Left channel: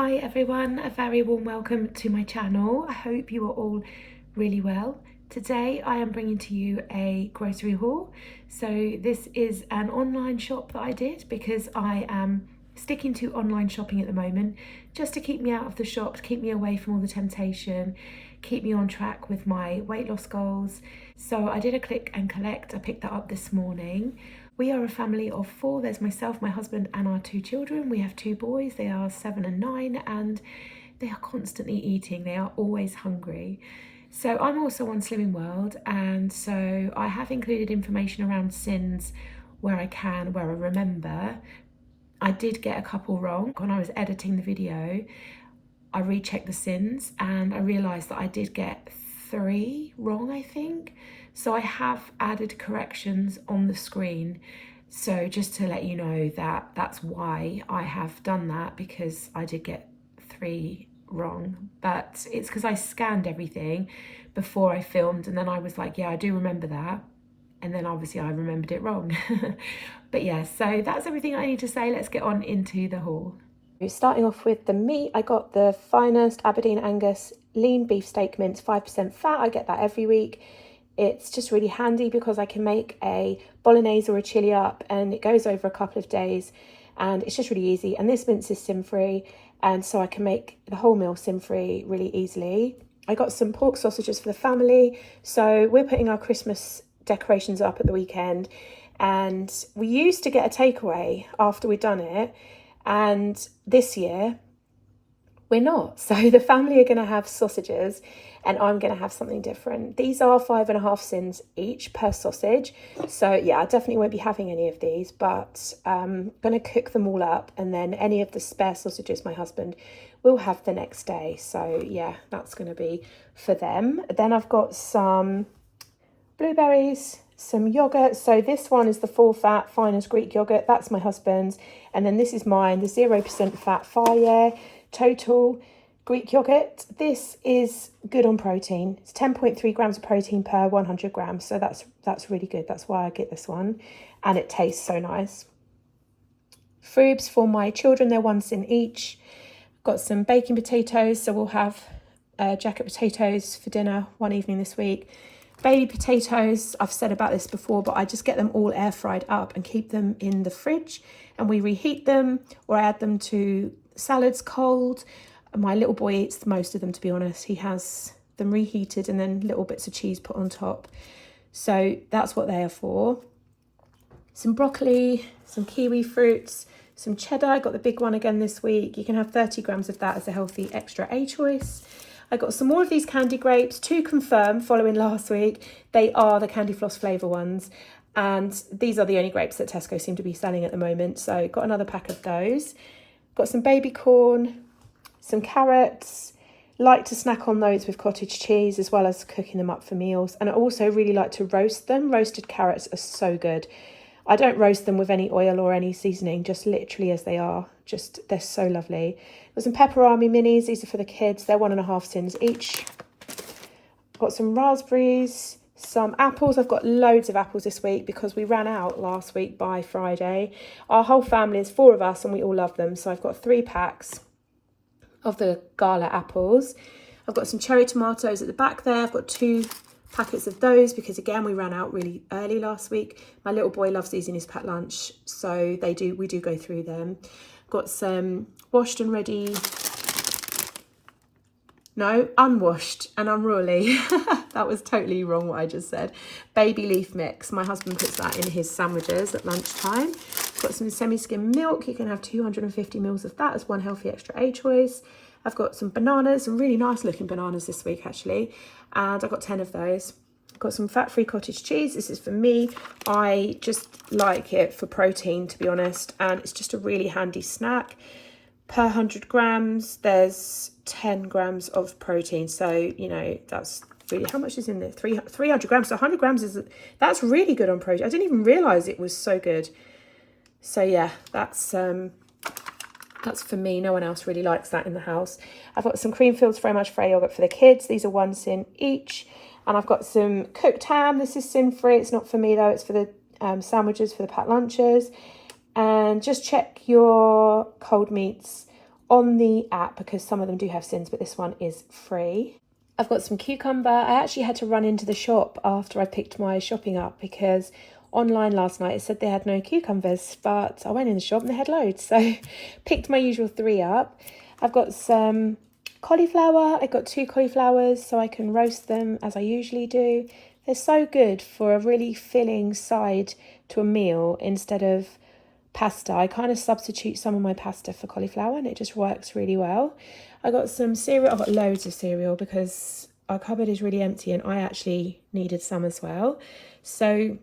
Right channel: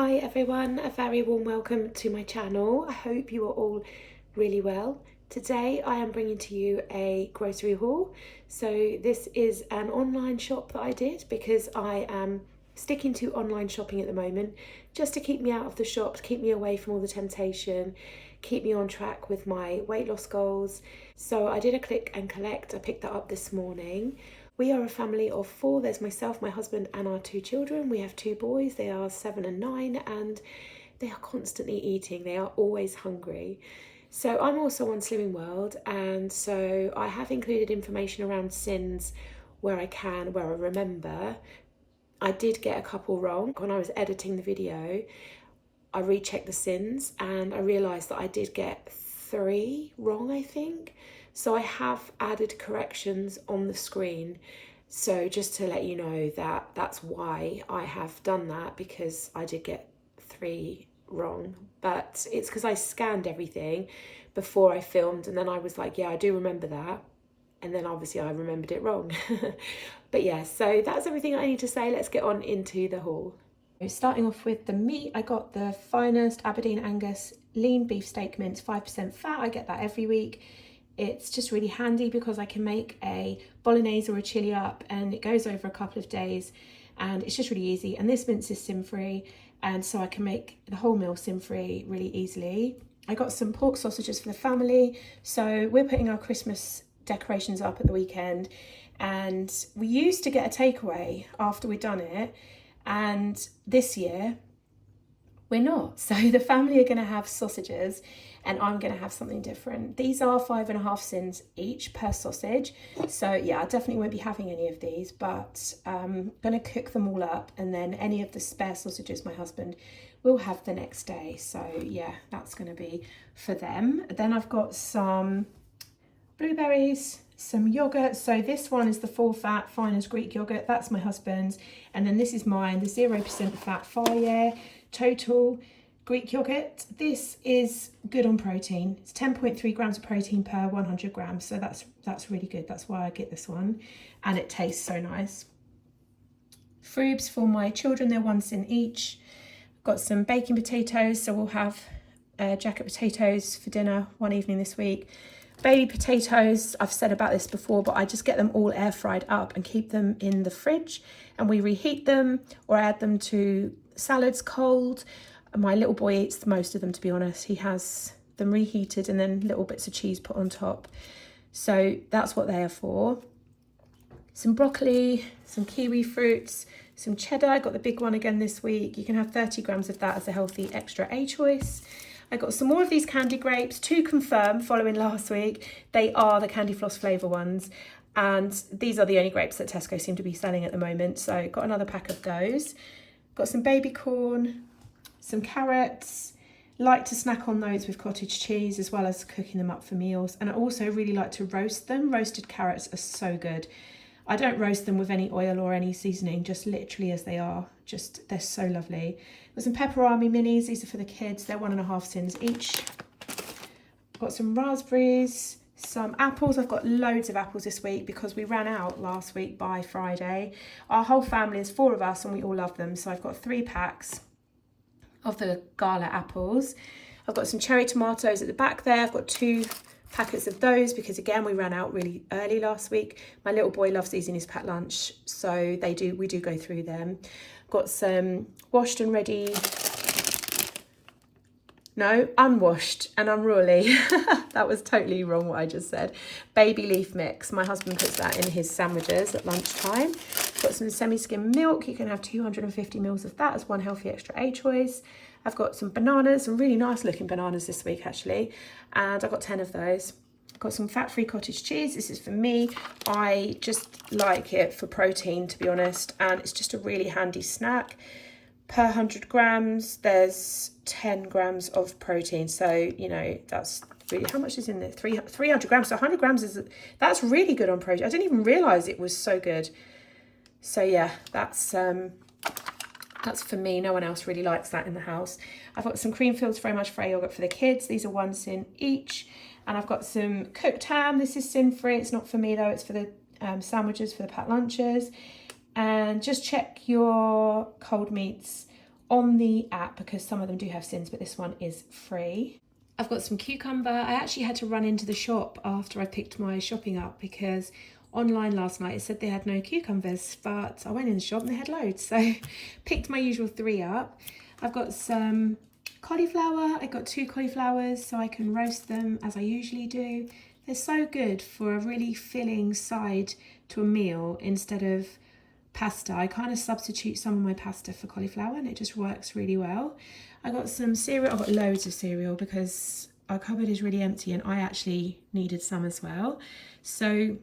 Hi everyone, a very warm welcome to my channel. I hope you are all really well. Today I am bringing to you a grocery haul. So this is an online shop that I did because I am sticking to online shopping at the moment just to keep me out of the shop, to keep me away from all the temptation, keep me on track with my weight loss goals. So I did a click and collect. I picked that up this morning. We are a family of four. There's myself, my husband and our two children. We have two boys, they are 7 and 9, and they are constantly eating. They are always hungry. So I'm also on Slimming World, and so I have included information around sins where I can, where I remember. I did get a couple wrong. When I was editing the video, I rechecked the sins and I realised that I did get 3 wrong, I think. So I have added corrections on the screen. So just to let you know that that's why I have done that, because I did get 3 wrong. But it's because I scanned everything before I filmed and then I was like, yeah, I do remember that. And then obviously I remembered it wrong. But yeah, so that's everything I need to say. Let's get on into the haul. Starting off with the meat, I got the finest Aberdeen Angus lean beef steak mince, 5% fat. I get that every week. It's just really handy because I can make a bolognese or a chili up and it goes over a couple of days and it's just really easy. And this mince is sin-free, and so I can make the whole meal sin-free really easily. I got some pork sausages for the family. So we're putting our Christmas decorations up at the weekend, and we used to get a takeaway after we'd done it, and this year we're not. So the family are going to have sausages and I'm going to have something different. These are 5.5 sins each per sausage. So yeah, I definitely won't be having any of these, but I'm going to cook them all up, and then any of the spare sausages my husband will have the next day. So yeah, that's going to be for them. Then I've got some blueberries, some yogurt. So this one is the full fat finest Greek yogurt, that's my husband's, and then this is mine, the 0% fat Fire Total Greek yogurt. This is good on protein. It's 10.3 grams of protein per 100 grams, so that's really good. That's why I get this one, and it tastes so nice. Frubes for my children, they're 1 cent each. Got some baking potatoes, so we'll have jacket potatoes for dinner one evening this week. Baby potatoes, I've said about this before, but I just get them all air fried up and keep them in the fridge, and we reheat them or add them to salads cold. And my little boy eats most of them, to be honest. He has them reheated and then little bits of cheese put on top. So that's what they're for. Some broccoli, some kiwi fruits, some cheddar. I got the big one again this week. You can have 30 grams of that as a healthy extra A choice. I got some more of these candy grapes to confirm following last week. They are the candy floss flavour ones. And these are the only grapes that Tesco seem to be selling at the moment. So got another pack of those. Got some baby corn, some carrots. Like to snack on those with cottage cheese as well as cooking them up for meals. And I also really like to roast them. Roasted carrots are so good. I don't roast them with any oil or any seasoning, just literally as they are. Just, they're so lovely. Got some pepperami minis. These are for the kids. They're 1.5 cents each. Got some raspberries, some apples. I've got loads of apples this week because we ran out last week by Friday. Our whole family is 4 of us and we all love them. So I've got 3 packs of the Gala apples. I've got some cherry tomatoes at the back there. I've got 2 packets of those because again we ran out really early last week. My little boy loves these in his packed lunch, so we do go through them. Got some washed and ready, no, unwashed and unruly. That was totally wrong what I just said. Baby leaf mix. My husband puts that in his sandwiches at lunchtime. Got some semi-skim milk. You can have 250 mils of that as one healthy extra A choice. I've got some bananas, some really nice looking bananas this week actually, and I've got 10 of those. I've got some fat-free cottage cheese. This is for me. I just like it for protein, to be honest, and it's just a really handy snack. Per 100 grams, there's 10 grams of protein, so you know that's really, how much is in there? 300 grams. So 100 grams that's really good on protein. I didn't even realize it was so good. So yeah, that's for me. No one else really likes that in the house. I've got some Creamfields fromage frais yogurt for the kids. These are 1 cent each. And I've got some cooked ham. This is sin-free. It's not for me though. It's for the sandwiches, for the packed lunches. And just check your cold meats on the app because some of them do have sins, but this one is free. I've got some cucumber. I actually had to run into the shop after I picked my shopping up because online last night it said they had no cucumbers, but I went in the shop and they had loads, so picked my usual 3 up. I've got some cauliflower. I got 2 cauliflowers so I can roast them as I usually do. They're so good for a really filling side to a meal instead of pasta. I kind of substitute some of my pasta for cauliflower and it just works really well. I got some cereal. I've got loads of cereal because our cupboard is really empty and I actually needed some as well. So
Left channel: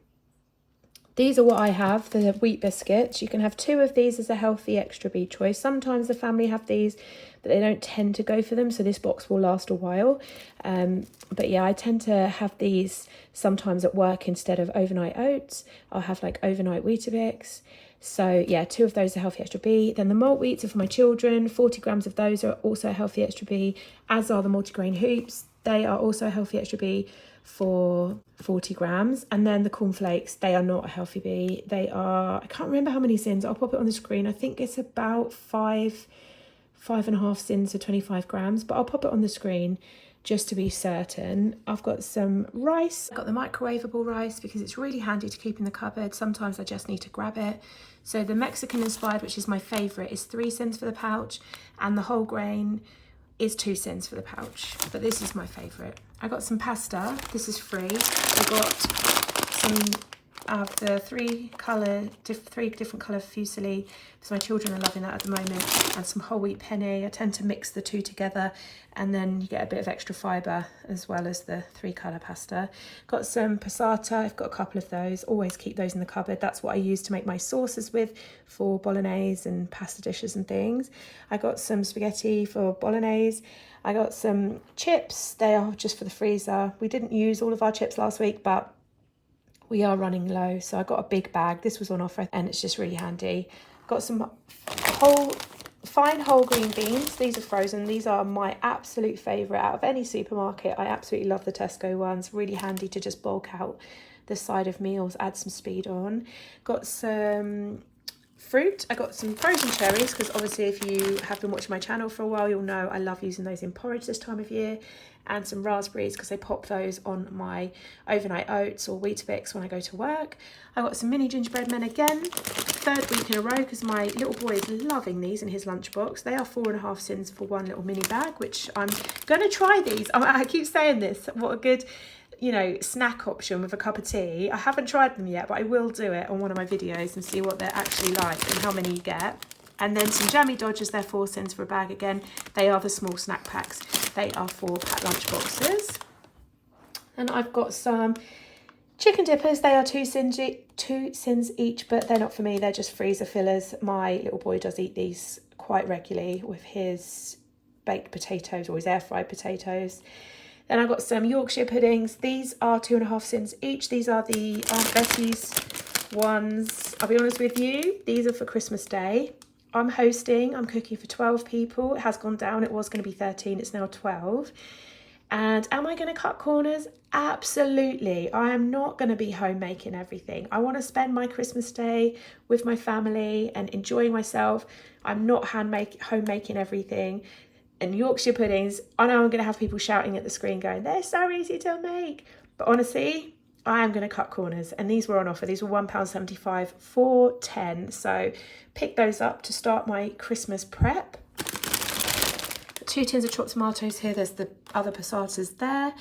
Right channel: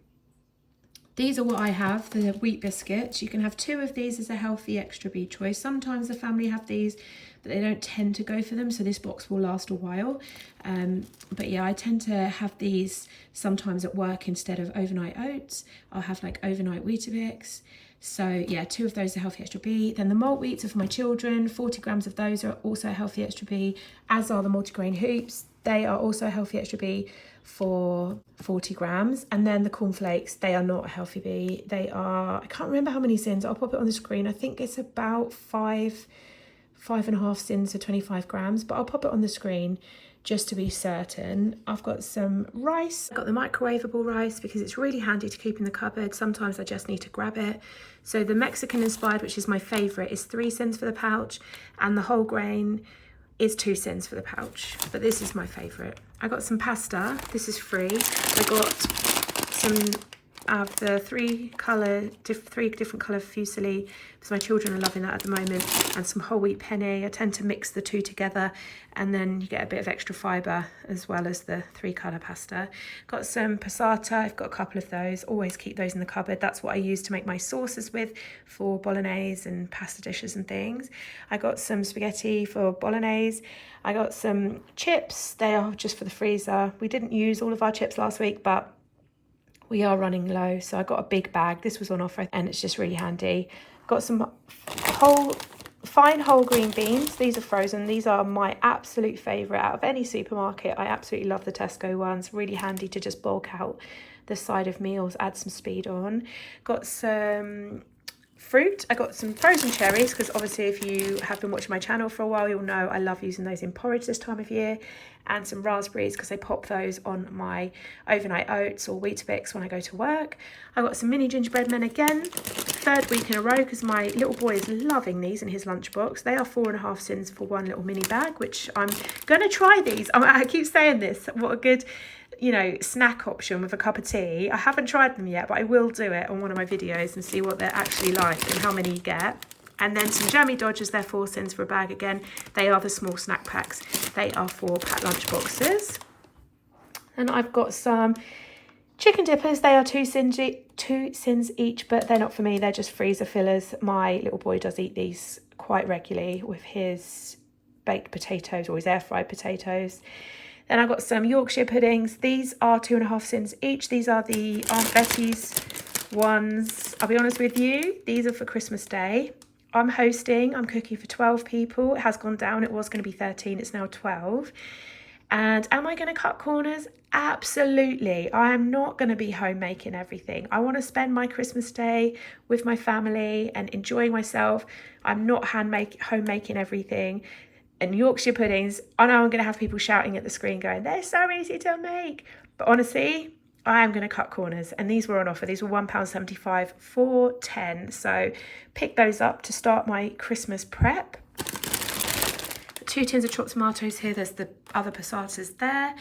these are what I have, the wheat biscuits. You can have 2 of these as a healthy extra B choice. Sometimes the family have these, but they don't tend to go for them, so this box will last a while. But yeah, I tend to have these sometimes at work instead of overnight oats. I'll have like overnight Weetabix. So yeah, 2 of those are healthy extra B. Then the malt wheats are for my children. 40 grams of those are also healthy extra B, as are the multigrain hoops. They are also healthy extra B for 40 grams. And then the cornflakes, they are not a healthy B. They are, I can't remember how many sins. I'll pop it on the screen. I think it's about 5.5 sins for 25 grams, but I'll pop it on the screen just to be certain. I've got some rice. I've got the microwavable rice because it's really handy to keep in the cupboard. Sometimes I just need to grab it. So the Mexican inspired, which is my favorite, is 3 cents for the pouch, and the whole grain is 2 cents for the pouch, but this is my favorite. I got some pasta. This is free. I got some of the 3 different colour fusilli because my children are loving that at the moment, and some whole wheat penne. I tend to mix the 2 together and then you get a bit of extra fibre as well as the 3 colour pasta. Got some passata. I've got a couple of those. Always keep those in the cupboard. That's what I use to make my sauces with for bolognese and pasta dishes and things. I got some spaghetti for bolognese. I got some chips. They are just for the freezer. We didn't use all of our chips last week, but we are running low, so I got a big bag. This was on offer and it's just really handy. Got some fine whole green beans. These are frozen. These are my absolute favourite out of any supermarket. I absolutely love the Tesco ones. Really handy to just bulk out the side of meals, add some speed on. Got some fruit. I got some frozen cherries because obviously if you have been watching my channel for a while, you'll know I love using those in porridge this time of year. And some raspberries because I pop those on my overnight oats or Weetabix when I go to work. I got some mini gingerbread men again, 3rd week in a row because my little boy is loving these in his lunchbox. They are 4.5 cents for one little mini bag, which I'm going to try these. I keep saying this, what a good, you know, snack option with a cup of tea. I haven't tried them yet, but I will do it on one of my videos and see what they're actually like and how many you get. And then some jammy dodgers, they're 4 cents for a bag again. They are the small snack packs. They are 4 pack lunch boxes. And I've got some chicken dippers. They are 2 cents each, but they're not for me. They're just freezer fillers. My little boy does eat these quite regularly with his baked potatoes or his air fried potatoes. Then I've got some Yorkshire puddings. These are 2.5 cents each. These are the Aunt Betty's ones. I'll be honest with you, these are for Christmas Day. I'm hosting, I'm cooking for 12 people. It has gone down. It was going to be 13. It's now 12. And am I going to cut corners? Absolutely. I am not going to be home making everything. I want to spend my Christmas Day with my family and enjoying myself. I'm not home making everything. And Yorkshire puddings, I know I'm going to have people shouting at the screen going, they're so easy to make. But honestly, I am going to cut corners, and these were on offer. These were £1.75 for 10. So pick those up to start my Christmas prep. 2 tins of chopped tomatoes here. There's the other passatas there.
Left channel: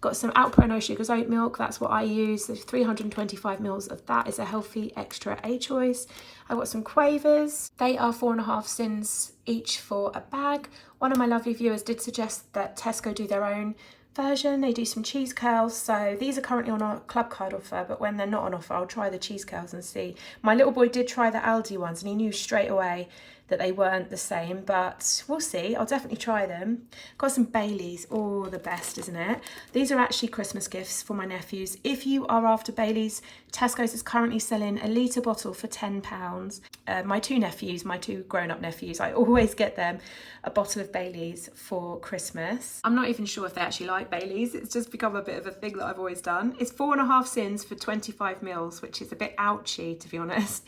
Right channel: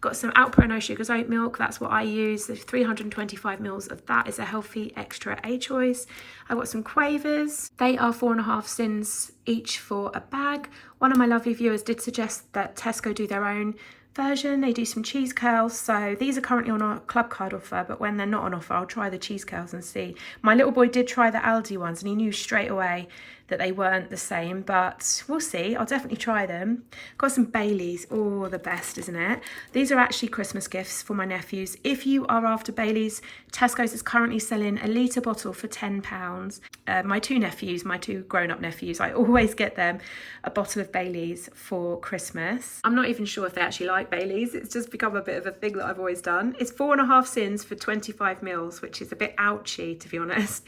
Got some Alpro No Sugars oat milk. That's what I use. There's 325 mils of that. Is a healthy extra A choice. I've got some quavers. They are 4.5 cents each for a bag. One of my lovely viewers did suggest that Tesco do their own version. They do some cheese curls, so these are currently on our club card offer, but when they're not on offer I'll try the cheese curls and see. My little boy did try the Aldi ones and he knew straight away that they weren't the same, but we'll see. I'll definitely try them. Got some Baileys. Oh, the best, isn't it? These are actually Christmas gifts for my nephews. If you are after Baileys, Tesco's is currently selling a litre bottle for £10. My 2 nephews, my 2 grown-up nephews, I always get them a bottle of Baileys for Christmas. I'm not even sure if they actually like Baileys. It's just become a bit of a thing that I've always done. It's 4.5 cents for 25 mils, which is a bit ouchy, to be honest.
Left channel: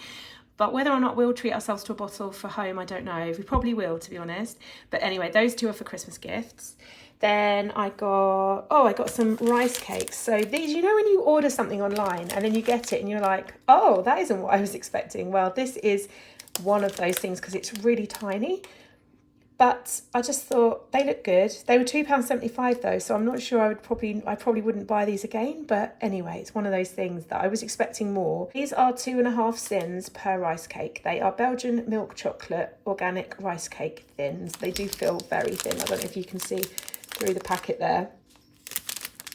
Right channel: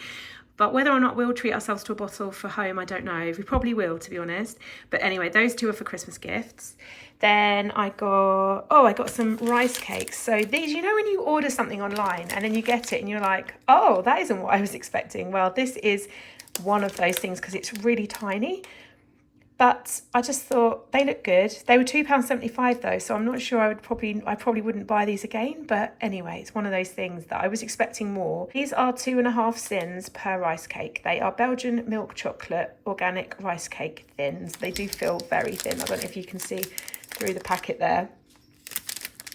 But whether or not we'll treat ourselves to a bottle for home, I don't know. We probably will, to be honest. But anyway, those two are for Christmas gifts. Then I got some rice cakes. So these, you know when you order something online and then you get it and you're like, oh, that isn't what I was expecting. Well, this is one of those things because it's really tiny. But I just thought they look good. They were £2.75 though, so I'm not sure I probably wouldn't buy these again. But anyway, it's one of those things that I was expecting more. These are 2.5 cents per rice cake. They are Belgian milk chocolate organic rice cake thins. They do feel very thin. I don't know if you can see through the packet there.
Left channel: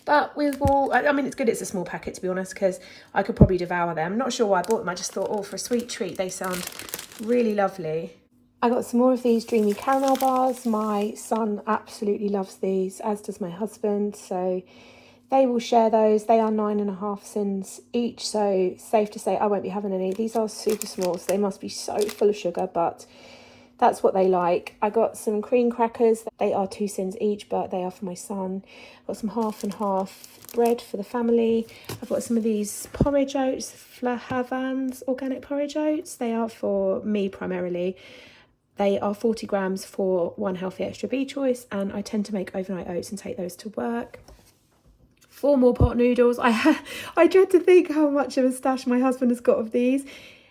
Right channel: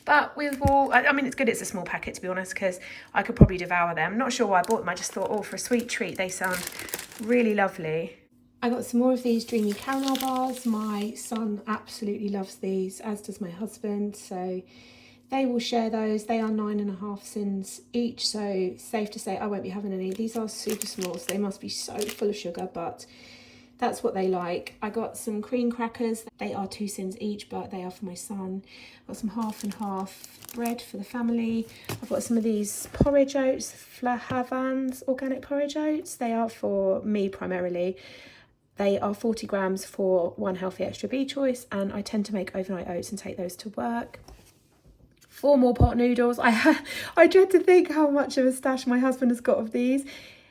But I mean, it's good it's a small packet, to be honest, because I could probably devour them. I'm not sure why I bought them. I just thought, oh, for a sweet treat, they sound really lovely. I got some more of these dreamy caramel bars. My son absolutely loves these, as does my husband. So they will share those. They are 9.5 cents each. So safe to say I won't be having any. These are super small, so they must be so full of sugar, but that's what they like. I got some cream crackers. They are 2 cents each, but they are for my son. I've got some half and half bread for the family. I've got some of these porridge oats, Flahavans organic porridge oats. They are for me primarily. They are 40 grams for one healthy extra B choice, and I tend to make overnight oats and take those to work. 4 more pot noodles. I dread to think how much of a stash my husband has got of these.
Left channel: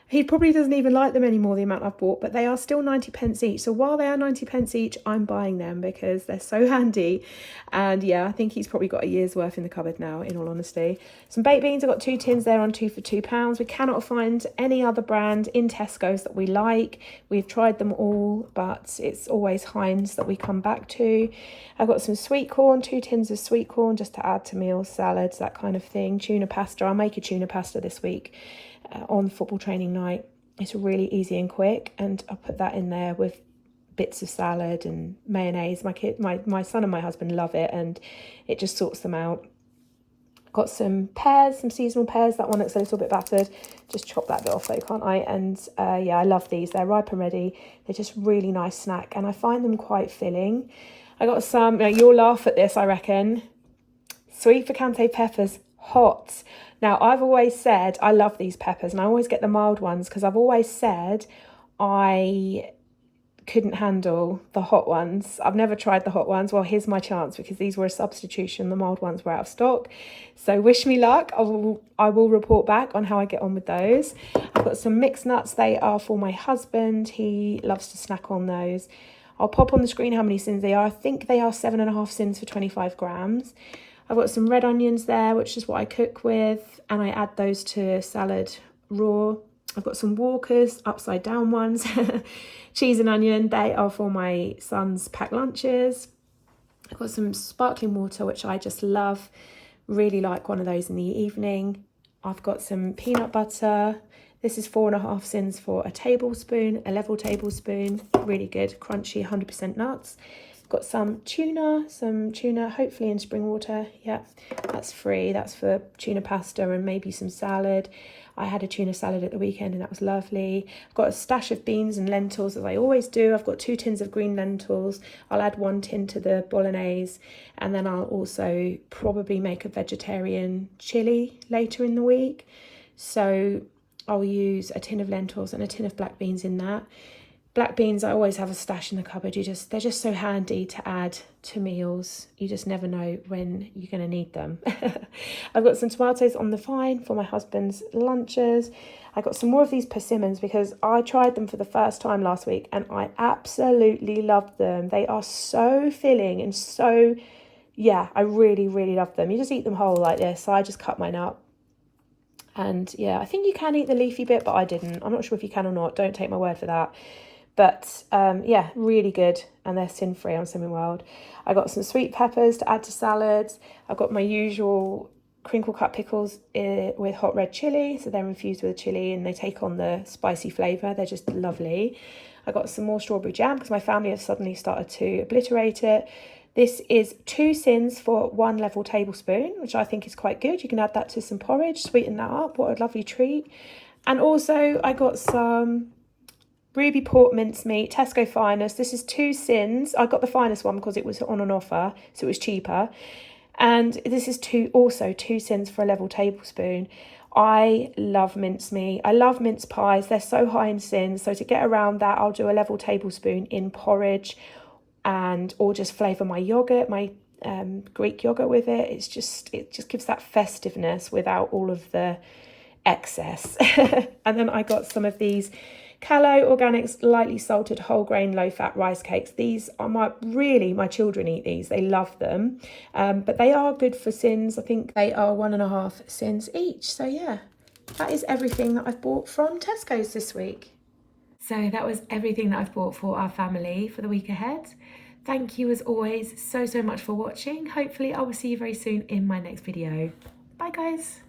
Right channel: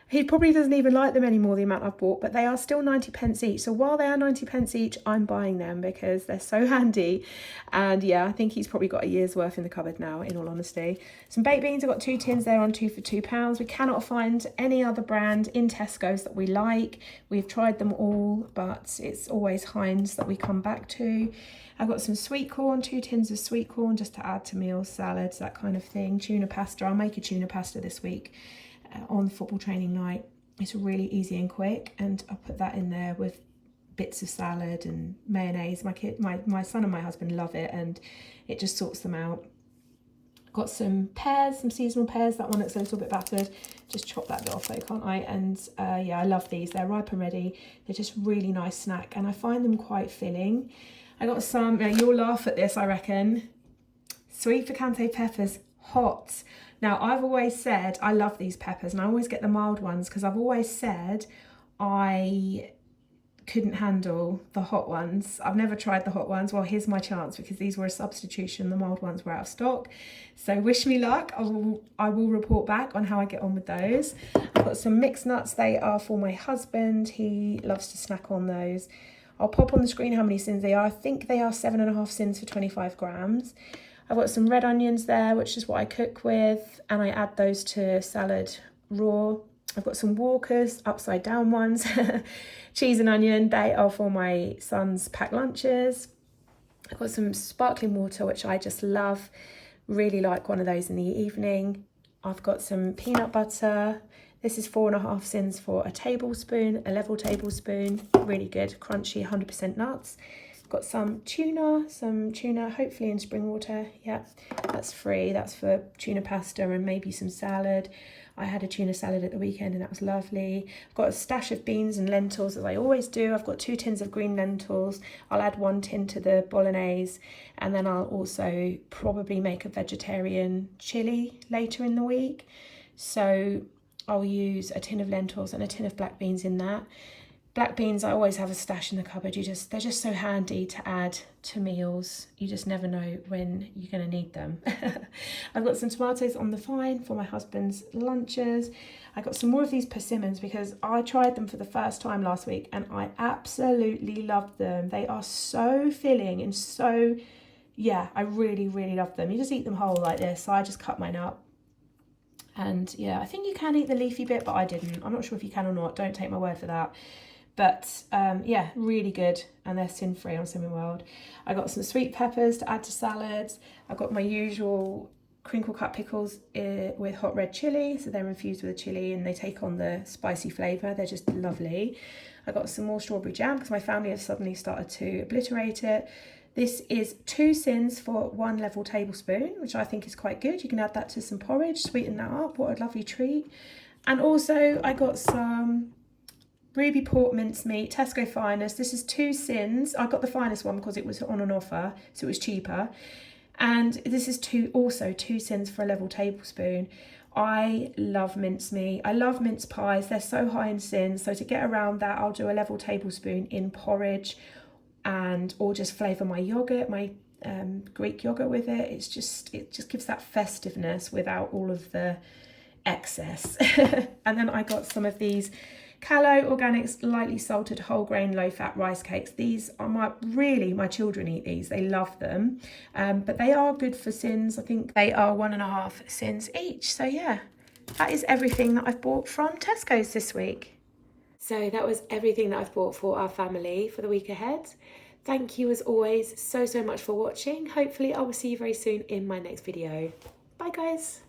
He probably doesn't even like them anymore, the amount I've bought, but they are still 90 pence each. So while they are 90 pence each, I'm buying them because they're so handy. And yeah, I think he's probably got a year's worth in the cupboard now, in all honesty. Some baked beans, I've got 2 tins there on 2 for £2. We cannot find any other brand in Tesco's that we like. We've tried them all, but it's always Heinz that we come back to. I've got some sweet corn, 2 tins of sweet corn just to add to meals, salads, that kind of thing. Tuna pasta, I'll make a tuna pasta this week. On football training night. It's really easy and quick, and I put that in there with bits of salad and mayonnaise. My son and my husband love it, and it just sorts them out. Got some pears, some seasonal pears. That one looks a little bit battered. Just chop that bit off though, can't I? And yeah, I love these. They're ripe and ready. They're just really nice snack, and I find them quite filling. I got some, you'll laugh at this, I reckon. Sweet picante peppers, hot. Now, I've always said I love these peppers, and I always get the mild ones because I've always said I couldn't handle the hot ones. I've never tried the hot ones. Well, here's my chance because these were a substitution. The mild ones were out of stock. So wish me luck. I will report back on how I get on with those. I've got some mixed nuts. They are for my husband. He loves to snack on those. I'll pop on the screen how many sins they are. I think they are 7.5 sins for 25 grams. I've got some red onions there, which is what I cook with, and I add those to salad raw. I've got some Walkers, upside down ones, cheese and onion. They are for my son's packed lunches. I've got some sparkling water, which I just love. Really like one of those in the evening. I've got some peanut butter. This is 4.5 cents for a tablespoon, a level tablespoon. Really good, crunchy, 100% nuts. Got some tuna, hopefully in spring water. Yeah, that's free. That's for tuna pasta and maybe some salad. I had a tuna salad at the weekend and that was lovely. I've got a stash of beans and lentils as I always do. I've got 2 tins of green lentils. I'll add 1 tin to the bolognese, and then I'll also probably make a vegetarian chili later in the week. So I'll use a tin of lentils and a tin of black beans in that. Black beans, I always have a stash in the cupboard. They're just so handy to add to meals. You just never know when you're going to need them. I've got some tomatoes on the vine for my husband's lunches. I got some more of these persimmons because I tried them for the first time last week and I absolutely loved them. They are so filling and so, yeah, I really, really love them. You just eat them whole like this. So I just cut mine up. And yeah, I think you can eat the leafy bit, but I didn't. I'm not sure if you can or not. Don't take my word for that. But yeah, really good, and they're sin-free on Slimming World. I got some sweet peppers to add to salads. I've got my usual crinkle cut pickles with hot red chili, so they're infused with chili and they take on the spicy flavour. They're just lovely. I got some more strawberry jam because my family have suddenly started to obliterate it. This is 2 sins for 1 level tablespoon, which I think is quite good. You can add that to some porridge, sweeten that up. What a lovely treat. And also I got some Ruby pork mincemeat, Tesco finest. This is 2 sins. I got the finest one because it was on an offer, so it was cheaper. And this is also 2 sins for a level tablespoon. I love mincemeat. I love mince pies. They're so high in sin. So to get around that, I'll do a level tablespoon in porridge, and or just flavour my yogurt, my Greek yogurt with it. It just gives that festiveness without all of the excess. And then I got some of these Callow Organics lightly salted whole grain low fat rice cakes. These are my children eat these, they love them, but they are good for sins. I think they are 1.5 sins each. So yeah, that is everything that I've bought from Tesco's this week. So that was everything that I've bought for our family for the week ahead. Thank you as always so much for watching. Hopefully I will see you very soon in my next video. Bye guys.